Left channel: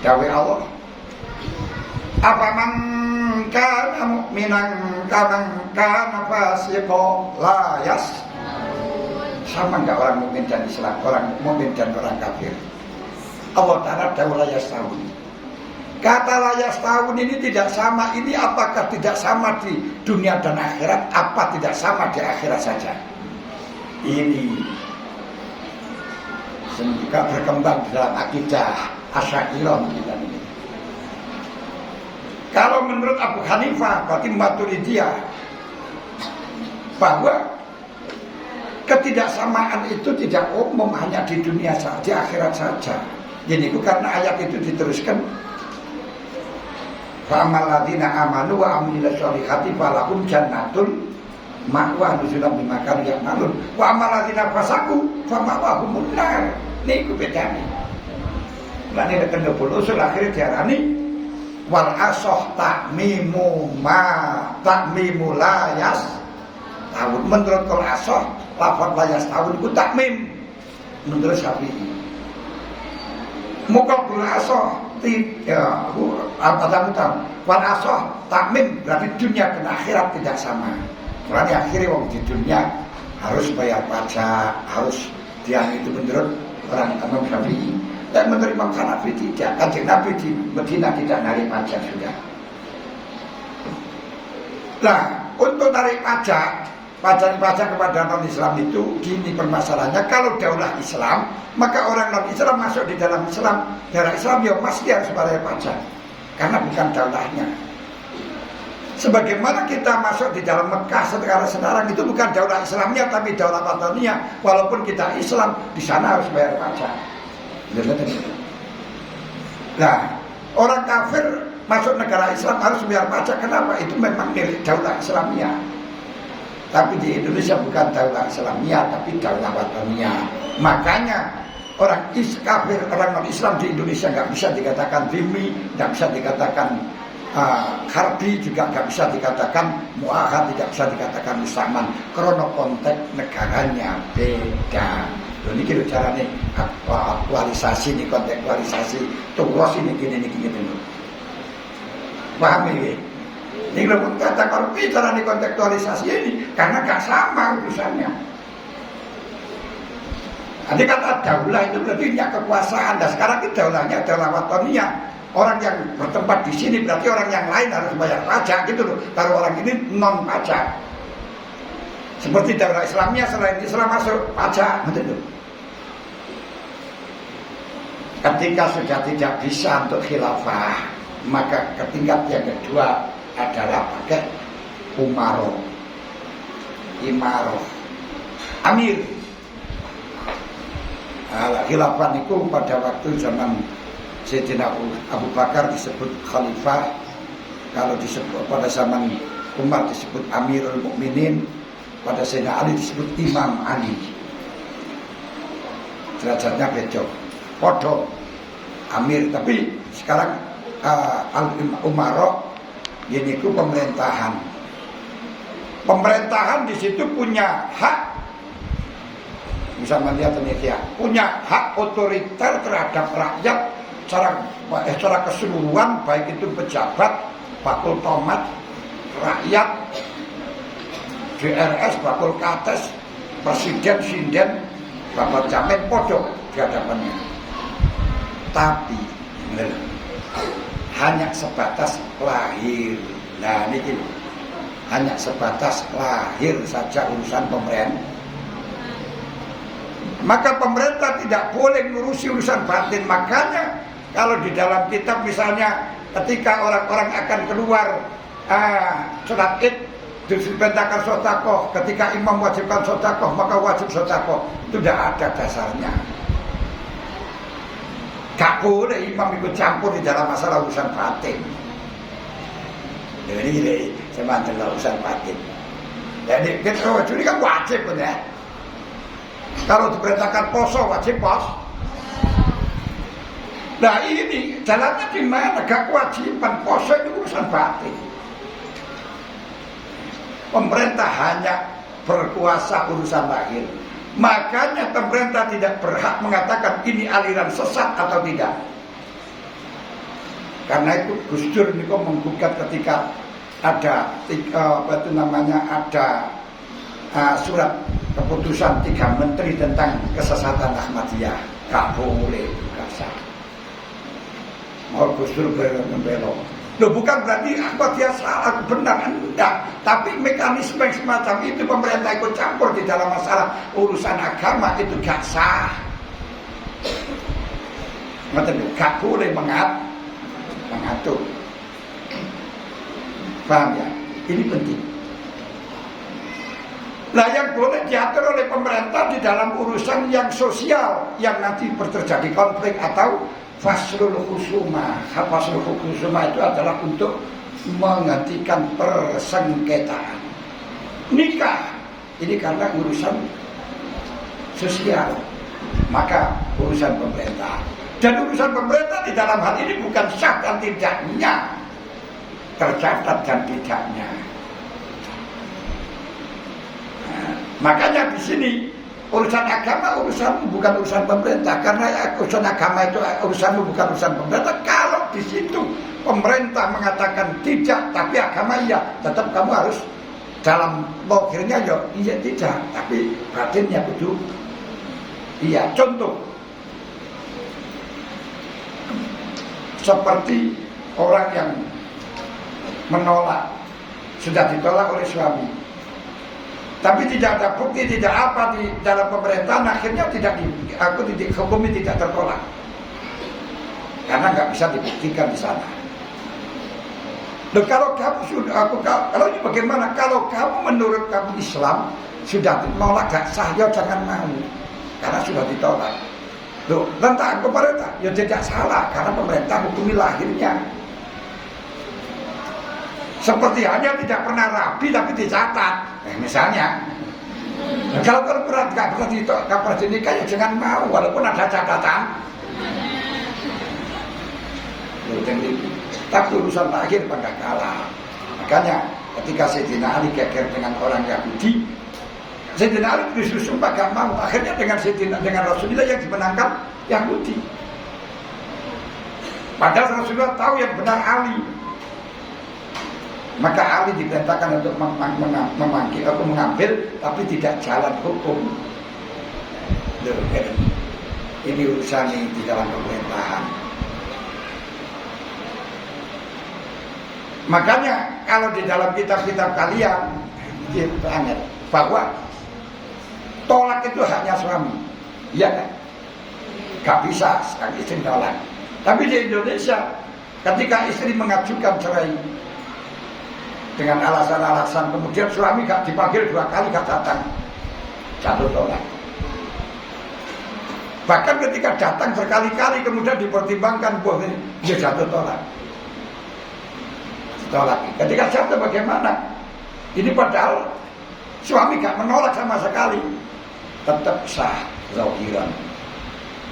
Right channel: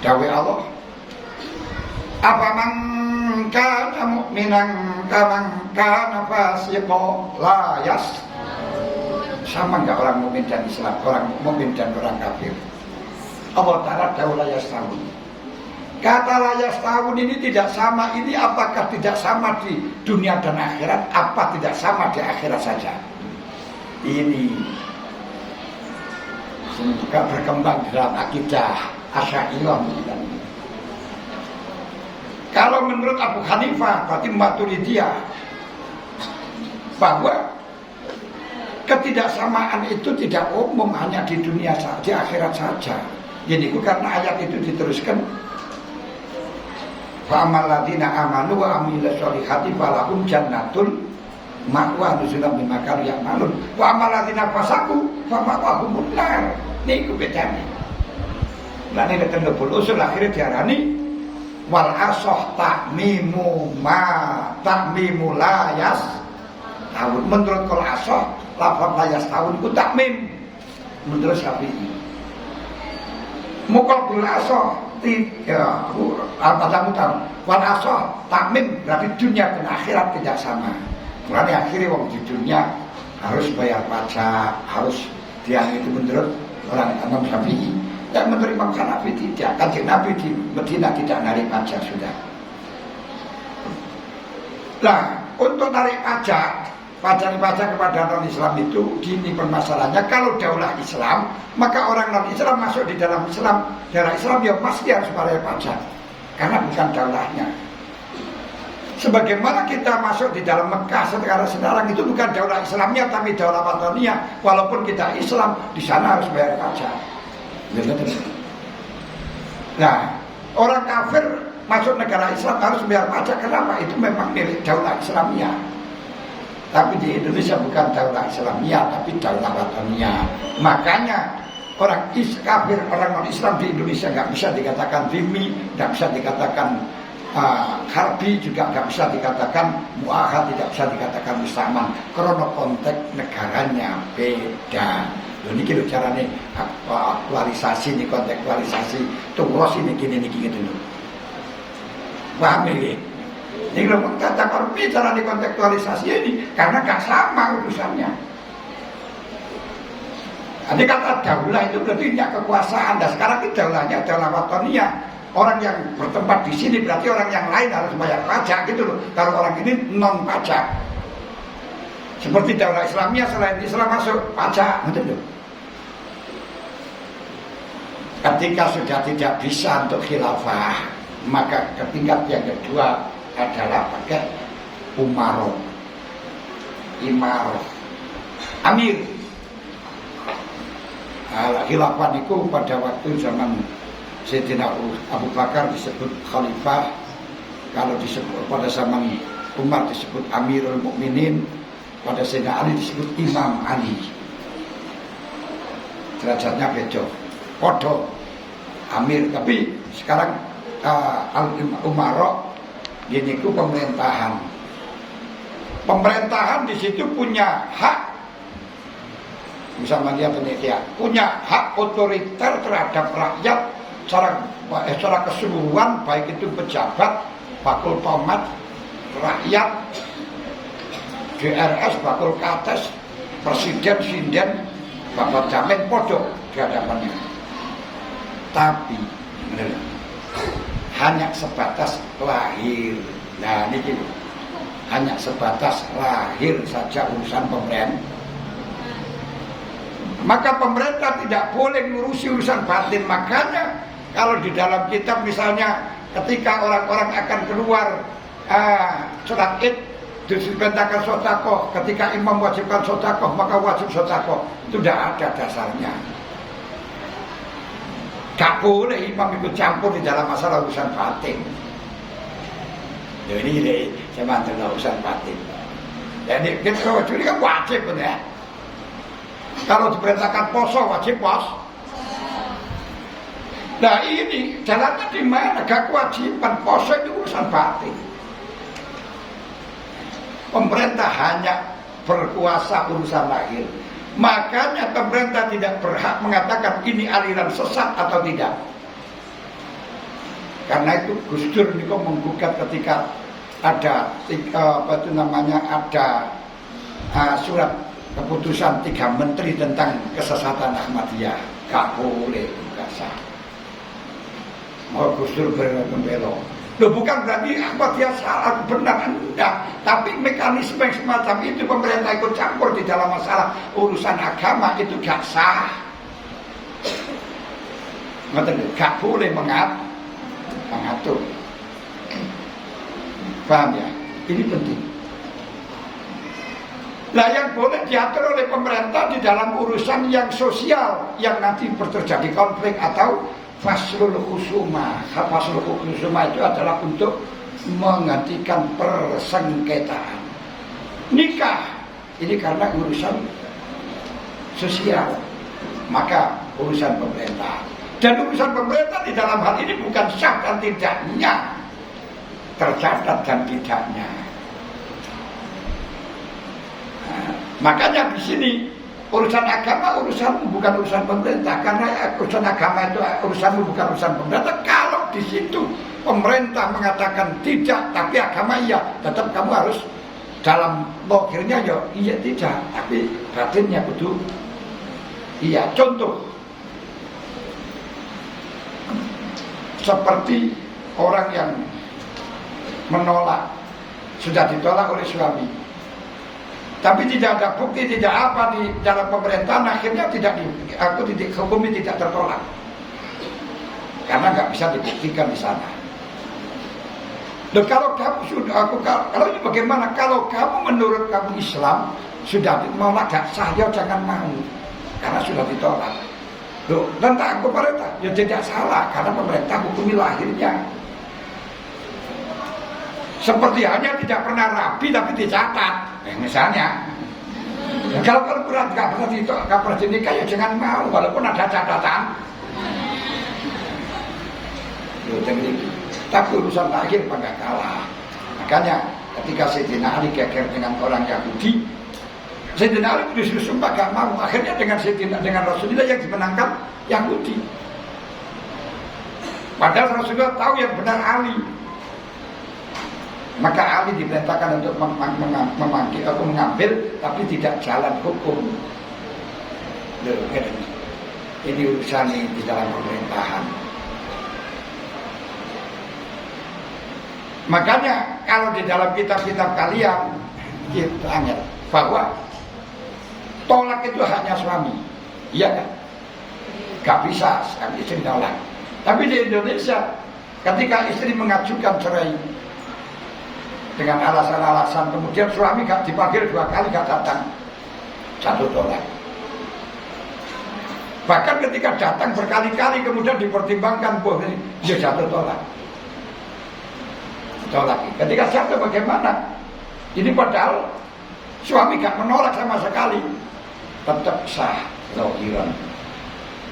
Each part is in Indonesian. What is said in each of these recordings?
Dawe Allah, apa man kana mu'minan kaman kana fasiqan la yas. Sama enggak orang mukmin dan Islam, orang mukmin dan orang kafir? Allah Ta'ala dawu la yastawun. Kata la yastawun ini tidak sama. Ini apakah tidak sama di dunia dan akhirat? Apa tidak sama di akhirat saja? Ini semoga berkembang dalam akidah Asy'ariyah. Kalau menurut Abu Hanifah, berarti Maturidiyah, bahwa ketidaksamaan itu tidak umum hanya di dunia saja, di akhirat saja. Ini karena ayat itu diteruskan, fa amal ladzina amanu wa amilus solihati falahum jannatul ma'wa nuzulan bima kanu ya'malun wa amal ladzina fasaku fa ma'wahumun nar. Niku bedane. Lah nek tendebul usul akhire diarani wal asah ta'mimu la yas. Menurut kol asah lafaz la yas tahun itu takmim menurut Syafi'i. Mukal bil asah tidak apa tahu wal asah takmim berarti dunia dan akhirat tidak sama. Berarti akhirnya wong di dunia harus bayar pajak, harus dia itu menurut orang Imam Syafi'i. Dan menurut Imam Hanafi tidak. Kanjeng Nabi di Medina tidak narik pajak sudah. Nah, untuk narik pajak kepada non-Islam itu gini permasalahannya. Kalau daulah Islam, maka orang non-Islam masuk di dalam Islam, daerah Islam ya pasti harus bayar pajak, karena bukan daulahnya. Sebagaimana kita masuk di dalam Mekah sekarang itu bukan daulah Islamnya, tapi daulah Wataniyah. Walaupun kita Islam, di sana harus bayar pajak. Nah, orang kafir masuk negara Islam harus bayar pajak. Kenapa? Itu memang milik daulah Islamnya. Tapi di Indonesia bukan daulah Islamiyah, tapi daulah Wataniyah. Makanya orang kafir, orang non-Islam di Indonesia nggak bisa dikatakan dhimmi, nggak bisa dikatakan harbi, juga nggak bisa dikatakan muahad, tidak bisa dikatakan musaman. Karena konteks negaranya beda. Ini kira caranya aktualisasi, ini kontekstualisasi. Tunggu ini gini dulu. Paham ini? Ini kalau kata korpi cara dikontekstualisasi ini karena gak sama urusannya. Nanti kata daulah itu berarti punya kekuasaan. Dan sekarang itu daulahnya daulah Wataniyah. Orang yang bertempat di sini berarti orang yang lain harus bayar pajak gitu loh. Kalau orang ini non pajak. Seperti daulah Islamiyah, selain Islam masuk pajak, betul. Ketika sudah tidak bisa untuk khilafah, maka tingkat yang kedua adalah pakai umaroh, imaroh, amir. Khilafah itu pada waktu zaman Sayyidina Abu Bakar disebut khalifah, kalau disebut pada zaman Umar disebut Amirul Mukminin, pada Sayyidina Ali disebut Imam Ali. Derajatnya beda, podo Amir, tapi sekarang Umarok ini ku pemerintahan. Pemerintahan di situ punya hak, bisa melihat ini punya hak otoriter terhadap rakyat secara keseluruhan, baik itu pejabat, bakul tomat, rakyat, DRS, bakul kates, presiden, sinden, bapak jamin podo di hadapannya. Tapi hanya sebatas lahir. Nah ini hanya sebatas lahir saja urusan pemerintah. Maka pemerintah tidak boleh ngurusi urusan batin. Makanya kalau di dalam kitab misalnya ketika orang-orang akan keluar sholat id diperintahkan sedekah, ketika imam wajibkan sedekah maka wajib sedekah. Itu tidak ada dasarnya. Gak boleh imam ikut campur di dalam masalah urusan batin. Ini saya mantul urusan batin. Jadi kita ini kan wajib ya. Kalau diperintahkan poso wajib pos. Nah ini jalannya di mana? Gak kewajiban poso itu urusan batin. Pemerintah hanya berkuasa urusan lahir. Makanya pemerintah tidak berhak mengatakan ini aliran sesat atau tidak. Karena itu Gus Dur niku menggugat ketika ada surat keputusan 3 menteri tentang kesesatan Ahmadiyah. Gak boleh, gak sah. Mau Gus Dur berbelok. Loh, bukan berarti Ahmadiyah salah benar, enggak. Tapi mekanisme yang semacam itu pemerintah ikut campur di dalam masalah urusan agama itu gak sah. Gak boleh mengatur. Paham ya? Ini penting. Nah, yang boleh diatur oleh pemerintah di dalam urusan yang sosial yang nanti terjadi konflik atau faslul khusuma. Faslul khusuma itu adalah untuk menghentikan persengketaan. Nikah ini karena urusan sosial, maka urusan pemerintah. Dan urusan pemerintah di dalam hal ini bukan sah dan tidaknya, tercatat dan tidaknya. Nah, makanya di sini urusan agama bukan urusan pemerintah, karena urusan agama itu urusanmu bukan urusan pemerintah. Kalau di situ pemerintah mengatakan tidak, tapi agama iya, tetap kamu harus dalam logiknya ya iya tidak, tapi batinnya kudu iya. Contoh seperti orang yang menolak, sudah ditolak oleh suami, tapi tidak ada bukti, tidak apa di dalam pemerintahan, akhirnya hukumi tidak tertolak karena nggak bisa dibuktikan di sana. Dan kalau kamu kalau ini bagaimana? Kalau kamu menurut kamu Islam sudah menolak gak sah, ya jangan mau karena sudah ditolak. Loh, tentang pemerintah ya tidak salah karena pemerintah hukumi lahirnya. Seperti hanya tidak pernah rabi tapi dicatat. Misalnya, kalau pernah nggak pernah dinikah ya jangan mau walaupun ada catatan. Tapi urusan lahir nggak kalah. Makanya ketika Sayyidina Ali geger dengan orang Yahudi, Sayyidina Ali disuruh sumpah gak mau. Akhirnya dengan Rasulullah yang dimenangkan Yahudi. Padahal Rasulullah tahu yang benar Ali. Maka Ali diperintahkan untuk mengambil, tapi tidak jalan hukum. Ini urusan di dalam pemerintahan. Makanya kalau di dalam kitab-kitab kalian kita ingat bahwa tolak itu hanya suami, iya kan? Gak bisa sekali istri tolak. Tapi di Indonesia ketika istri mengajukan cerai dengan alasan-alasan, kemudian suami gak dipanggil 2 kali gak datang, 1 tolak. Bahkan ketika datang berkali-kali kemudian dipertimbangkan, boleh dia 1 tolak. Ketika jatuh bagaimana? Ini padahal suami gak menolak sama sekali, tetap sah zahiran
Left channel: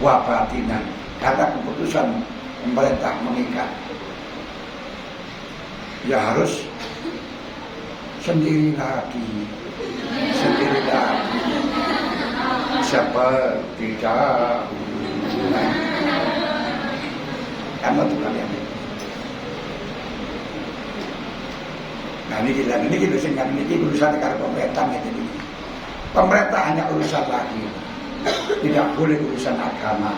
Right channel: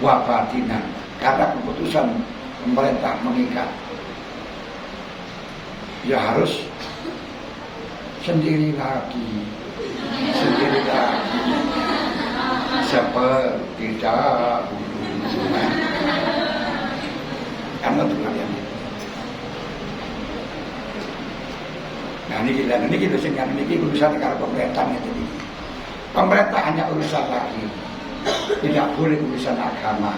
wa batinan karena keputusan pemerintah mengikat. Ya harus sendiri lagi seperti dahulu. Kamu tuh kalian. Nah ini gitu sih kan, ini urusan karena pemerintah ini. Pemerintah hanya urusan lagi, tidak boleh urusan agama.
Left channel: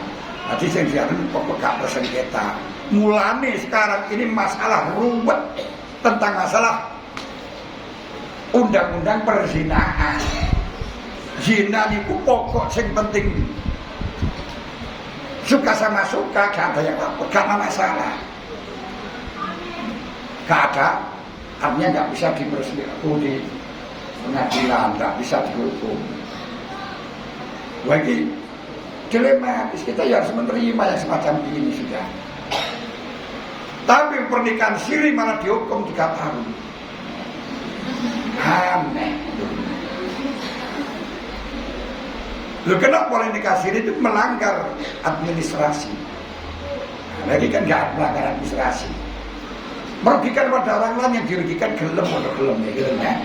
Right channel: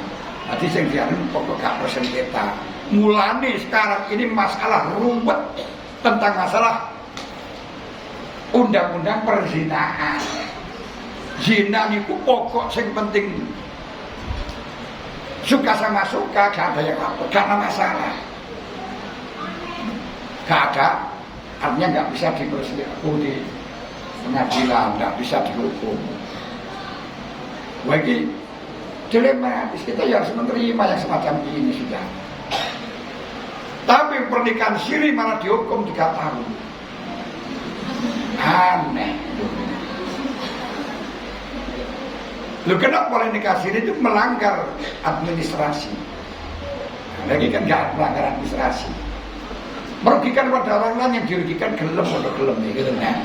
Nanti yang dialami pokok gak bersengketa. Mulane sekarang ini masalah ruwet tentang masalah undang-undang perzinahan. Zina itu pokok yang penting. Suka sama suka, gak ada yang lapor, karena masalah. Gak ada. Artinya nggak bisa di pengadilan, nggak bisa dihukum. Bagi dilematis, kita ya harus menerima yang semacam ini sudah. Tapi pernikahan siri malah dihukum 3 tahun. Aneh. Lu kenapa boleh nikah siri itu melanggar administrasi? Nah, lagi kan nggak melanggar administrasi. Merugikan pada orang lain, yang dirugikan gelem atau gelem gitu ya.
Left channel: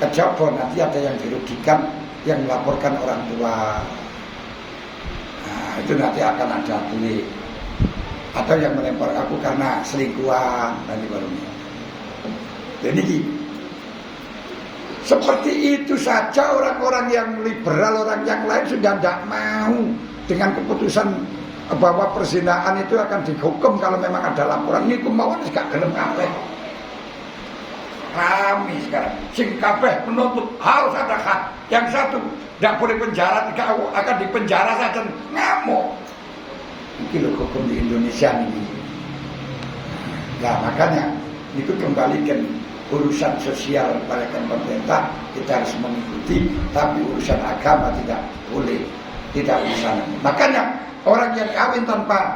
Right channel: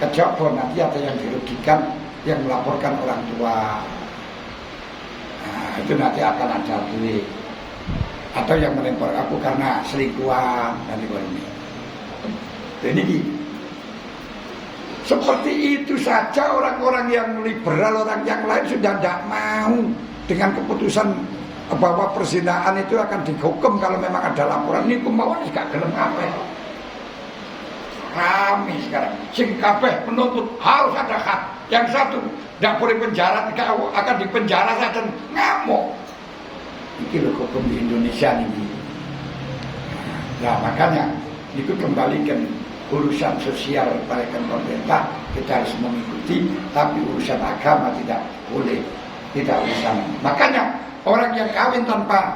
Kejaba nanti ada yang dirugikan, yang melaporkan orang tua. Nah, itu nanti akan ada atau yang melempar aku karena selingkuhan dan ini. Jadi seperti itu saja orang-orang yang liberal, orang yang lain sudah tidak mau dengan keputusan bahwa perzinahan itu akan dihukum kalau memang ada laporan. Ini kemauan gak gelem kabeh. Rame sekarang. Sing kabeh menuntut harus ada hak. Yang satu tidak boleh penjara, akan dipenjara saja, ngamuk. Ini loh hukum di Indonesia ini. Nah makanya itu kembalikan urusan sosial pada pemerintah, kita harus mengikuti, tapi urusan agama tidak boleh, tidak urusan. Makanya orang yang kawin tanpa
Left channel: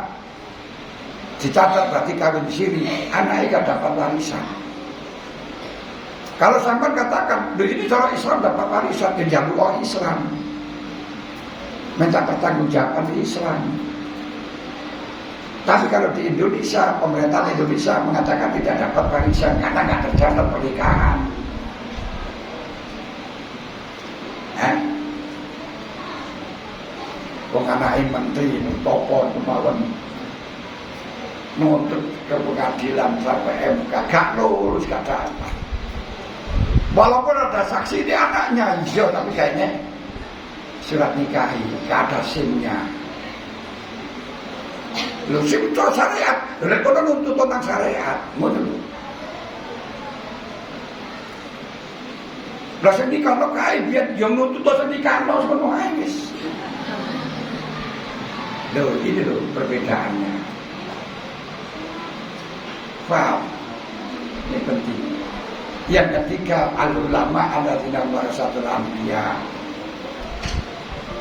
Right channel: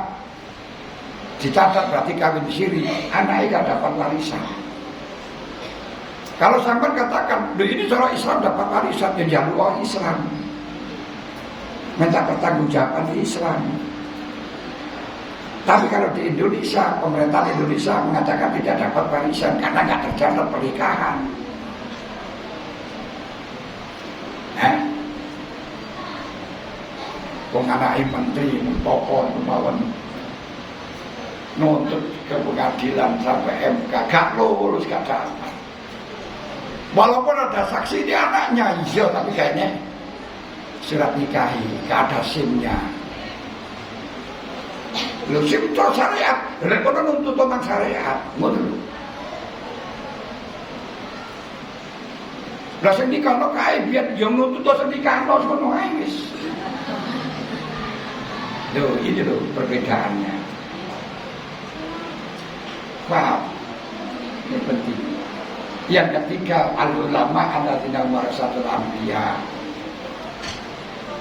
dicatat berarti kawin siri, anaknya gak dapat warisan. Kalau sampai katakan, ini cara Islam dapat warisan, ya jalur orang Islam, minta pertanggungjawaban di Islam. Tapi kalau di Indonesia, pemerintahan Indonesia mengatakan tidak dapat warisan karena nggak tercatat pernikahan. Penganai menteri, mentopon, kemauan nuntut ke pengadilan sampai MK, gak lulus, gak dapat. Walaupun ada saksi di anaknya, iya, tapi kayaknya surat nikahi, gak ada SIM-nya. Lho sing syariat, lha kono nuntut tentang syariat, ngono lho. Lah sing nikahno kae biyen yo nuntut sing nikahno ngono ae wis. Lho, ini lho perbedaannya. Wow. Ini penting. Yang ketiga, al-ulama alladzina warasatul anbiya.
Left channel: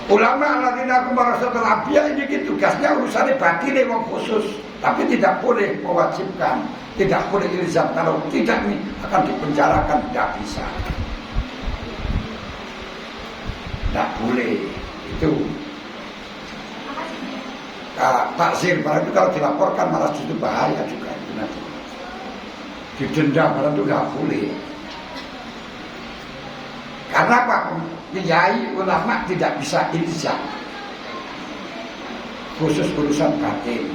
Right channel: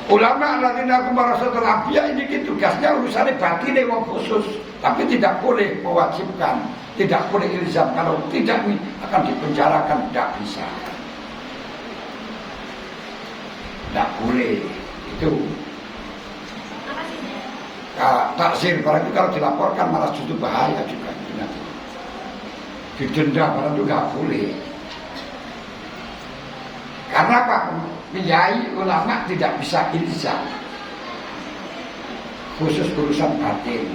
Ulama alladzina warasatul anbiya ini tugasnya urusannya batin wong khusus, tapi tidak boleh mewajibkan, tidak boleh ilzam, kalau tidak ini akan dipenjarakan, tidak bisa. Tidak boleh itu. Takzir barang itu kalau dilaporkan malah justru bahaya juga. Didenda barang itu nggak boleh. Karena apa? Kiai ulama tidak bisa ilzam. Khusus urusan batin,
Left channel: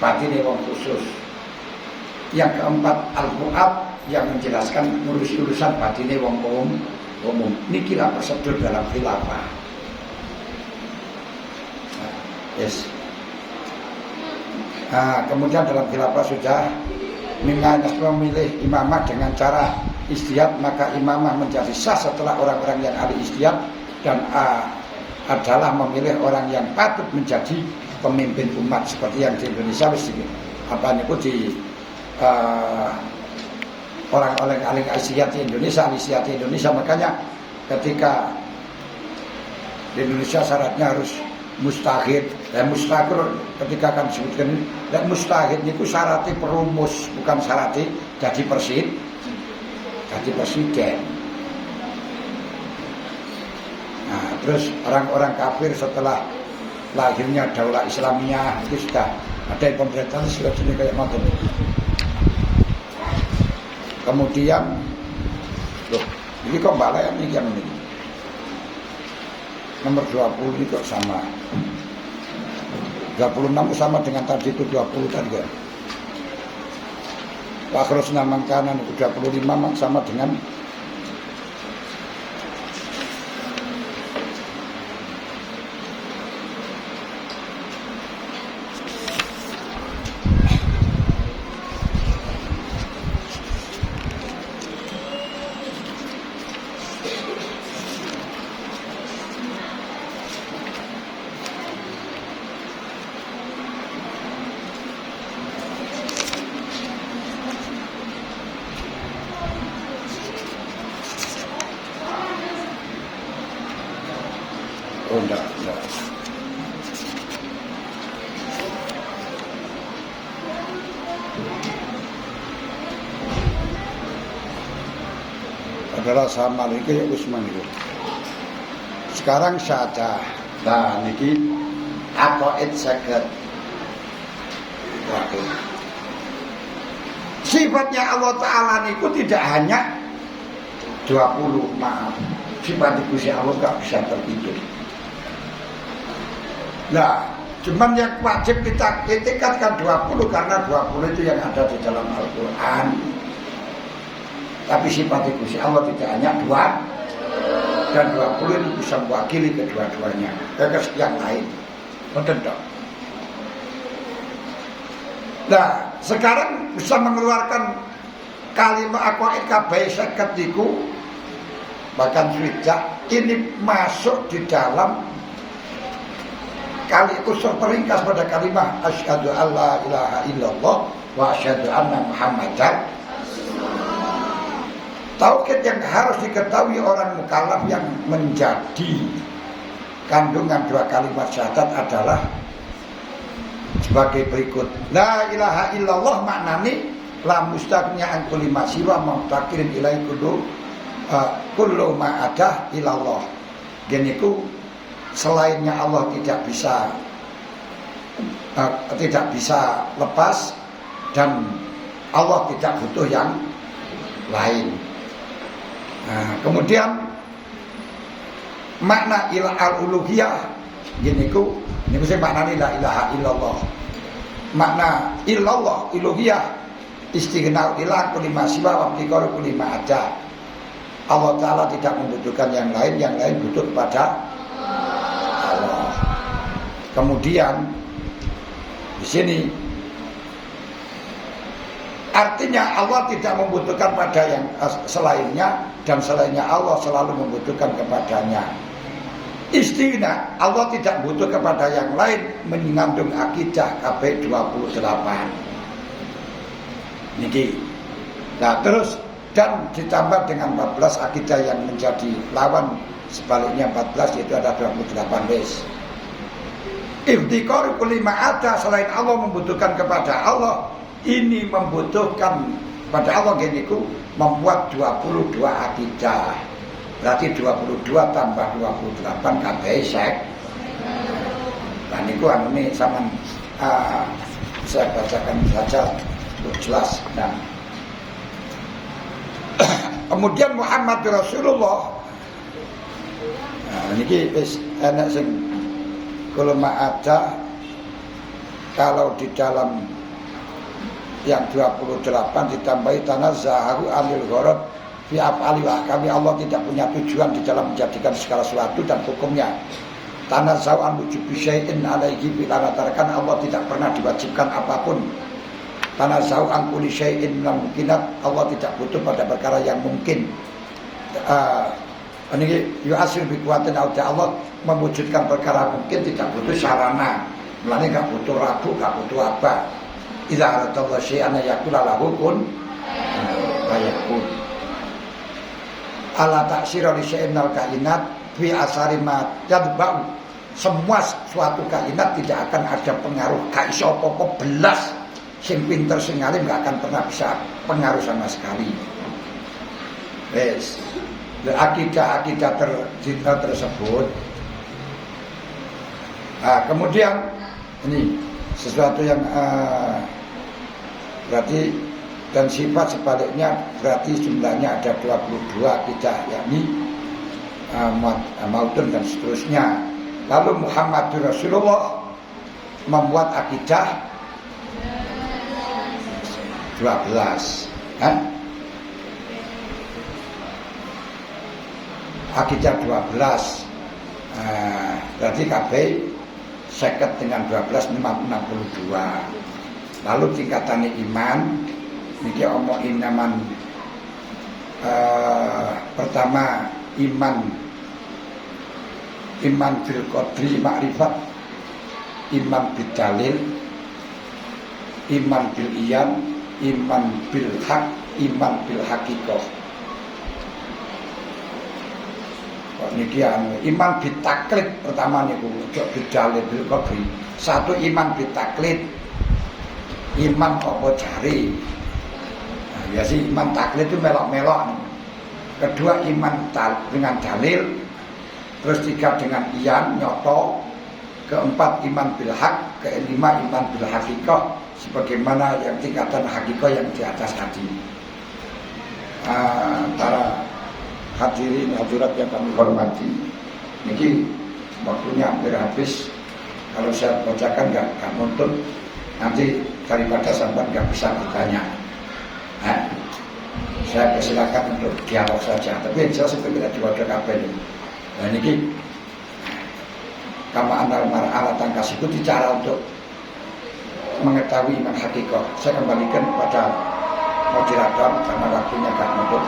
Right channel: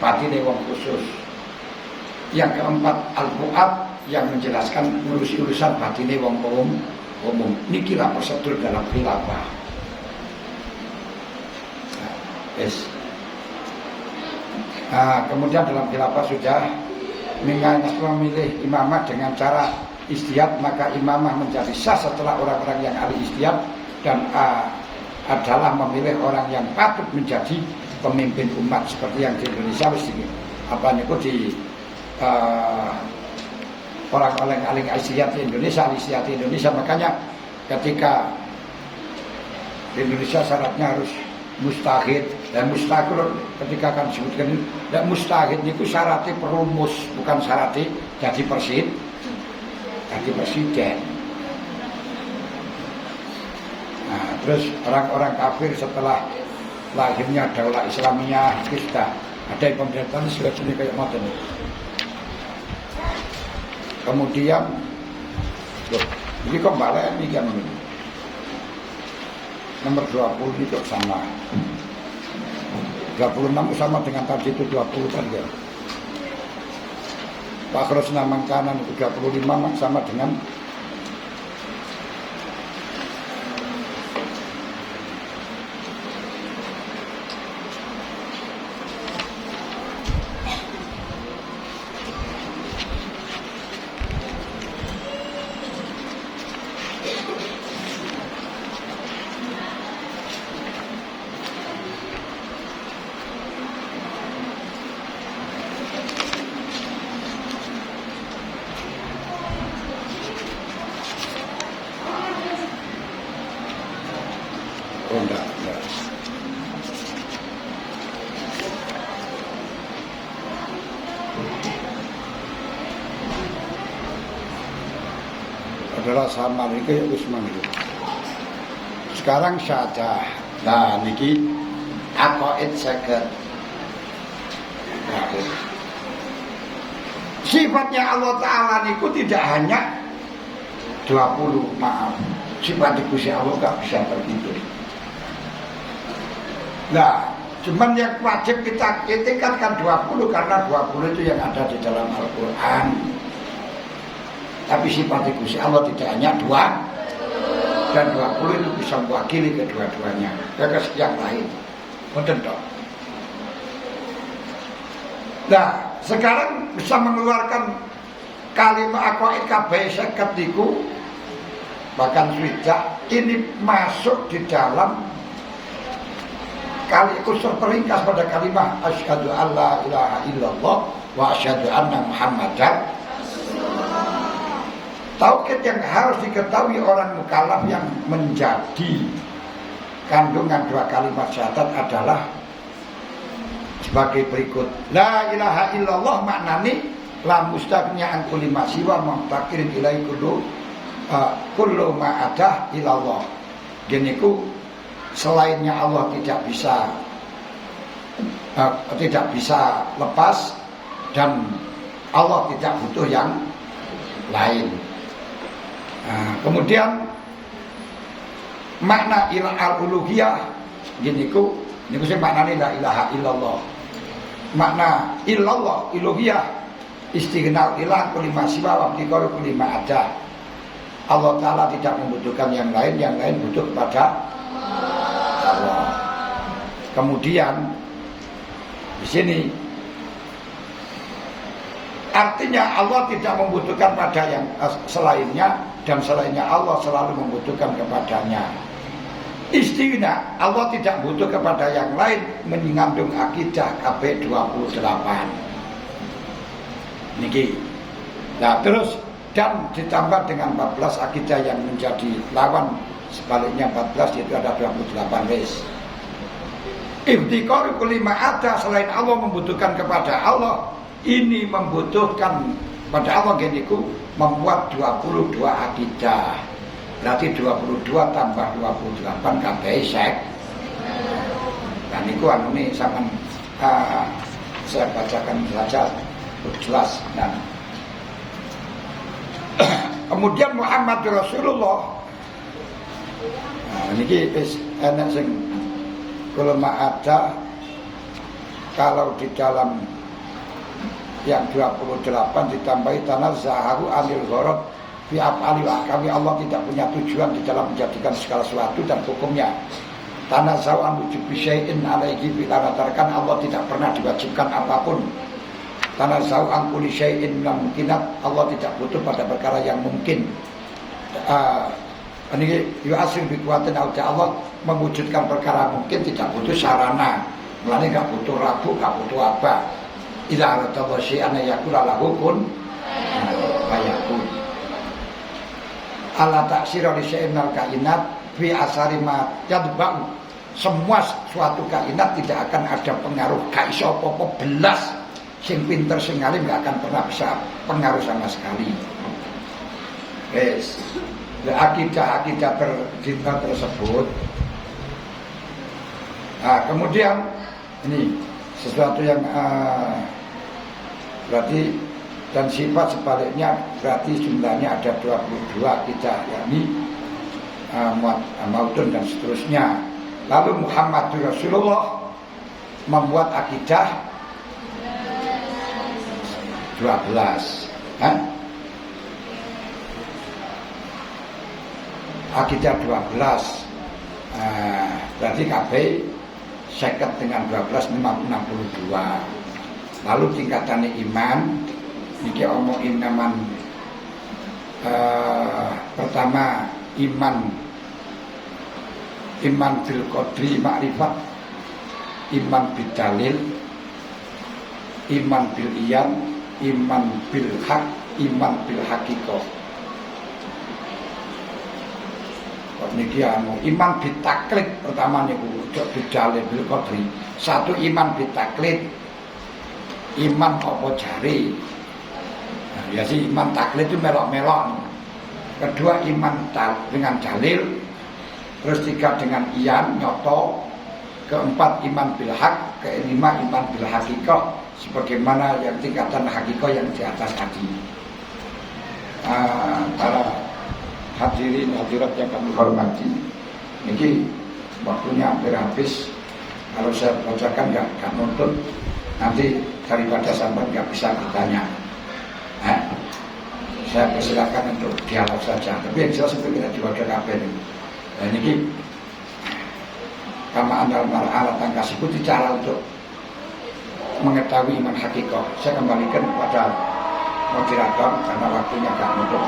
batin wong khusus. Yang keempat al-fuad yang menjelaskan urusan batin wong umum. Nikilah prosedur dalam khilafah. Yes. Kemudian dalam khilafah sudah memilih imamah dengan cara ijtihad, maka imamah menjadi sah setelah orang-orang yang ahli ijtihad dan adalah memilih orang yang patut menjadi pemimpin umat seperti yang di Indonesia di orang-orang ahli ijtihad di Indonesia. Makanya ketika di Indonesia syaratnya harus mustahid, dan mustahid ketika akan disebutkan dan mustahid itu syaratnya perumus, bukan syaratnya jadi presiden. Nah, terus orang-orang kafir setelah lahirnya daulah Islamiyah itu sudah ada pemerintahan sudah jadi kayak macam itu. Kemudian loh, ini kok balik ini kan ini nomor 20 itu sama 26 sama dengan tadi itu 20 tadi ya. Pak Krosna Mangkanan itu 25 sama dengan enggak. Adalah sama itu ya Usman itu. Sekarang saja. Nah, niki aqaid saged. Sifatnya Allah Ta'ala niku tidak hanya 20, maaf. Sifat Gusti Allah gak bisa terhitung. Nah, Cuman yang wajib kita tingkatkan 20 karena 20 itu yang ada di dalam Al-Quran. Tapi sifat Gusti Allah tidak hanya 2 dan 20 itu bisa mewakili kedua-duanya. Yang lain. Betul dong. Nah, sekarang bisa mengeluarkan kalimat aqwaid kabeh seket iku bahkan sudah ini masuk di dalam kali unsur peringkas pada kalimat asyhadu alla ilaha illallah wa asyhadu anna muhammadar. Tauhid yang harus diketahui orang mukallaf yang menjadi kandungan 2 kalimat syahadat adalah sebagai berikut. La ilaha illallah maknane la mustaqniya an kulli ma siwa muftakirin ilai kullu ma ada ilallah. Geniku selainnya Allah tidak bisa lepas dan Allah tidak butuh yang lain. Nah, kemudian makna al-uluhiyah geniku niku sing maknane la ilaha illallah. Makna illallah uluhiyah istighnal ilah kulli ma siwa wa ibtiqaru kulli ma ada. Allah Ta'ala tidak membutuhkan yang lain butuh kepada Allah. Kemudian di sini artinya Allah tidak membutuhkan pada yang selainnya dan selainnya Allah selalu membutuhkan kepadanya. Istighna Allah tidak butuh kepada yang lain mengandung akidah KB 28. Niki. Nah terus dan ditambah dengan 14 akidah yang menjadi lawan sebaliknya 14 yaitu ada 28 wis. Iftiqaru kulli ma ada selain Allah membutuhkan kepada Allah ini membutuhkan pada Allah geniku membuat 22 akidah. Berarti 22 tambah 28 kabeh sek. Nah niku anune sampean saya bacakan saja untuk jelas. Nah kemudian Muhammad Rasulullah. Nah niki wis ana sing kula ada kalau di dalam yang 28 ditambahi tanazzahu anil gharad fi af'ali wa kami Allah tidak punya tujuan di dalam menjadikan segala sesuatu dan hukumnya. Tanazzahu an wujubi syai'in alaihi bilantarkan Allah tidak pernah diwajibkan apapun. Tanazzahu an kulli syai'in mungkinat Allah tidak butuh pada perkara yang mungkin. Ini yu'asir bi kuwatin Allah mewujudkan perkara mungkin tidak butuh sarana. Mulane enggak butuh rabu, enggak butuh apa. Idza aradallahu syai'an yakula lahu kun fayakun. Ala taksira li syai'in al kainat fi asari ma yadba'u. Semua suatu kainat tidak akan ada pengaruh ka iso apa-apa belas. Sing pinter sing alim enggak akan pernah bisa pengaruh sama sekali. Wes. Akidah-akidah tersebut. Kemudian ini sesuatu yang berarti dan sifat sebaliknya berarti jumlahnya ada 22 akidah yakni mautun dan seterusnya. Lalu Muhammad Rasulullah membuat akidah 12 kan? Akidah 12 berarti KB 50 dengan 12 62. Lalu tingkatannya iman niki omong inaman pertama iman bil qadri makrifat, iman bil dalil, iman bil iyan, iman bil haq, iman bil haqiqah. Kok niki iman bil taklid pertama niku bil dalil bil qadri. Satu iman bil taklid. Iman apa jari. Nah, ya sih iman taklid itu melok-melok. Kedua iman dengan dalil. Terus tiga dengan iyan nyoto. Keempat iman bil haq. Kelima iman bil haqiqah. Sebagaimana yang tingkatan haqiqah yang di atas tadi. Para hadirin hadirat yang kami hormati, ini waktunya hampir habis. Kalau saya bacakan nggak nuntut, nanti daripada sampai nggak bisa bertanya. Saya persilakan untuk dialog saja. Tapi saya sebetulnya diwajib kabel. Nah ini kama anal mar'ala tangkas itu cara untuk mengetahui iman hakikah. Saya kembalikan kepada moderator karena waktunya agak nutup.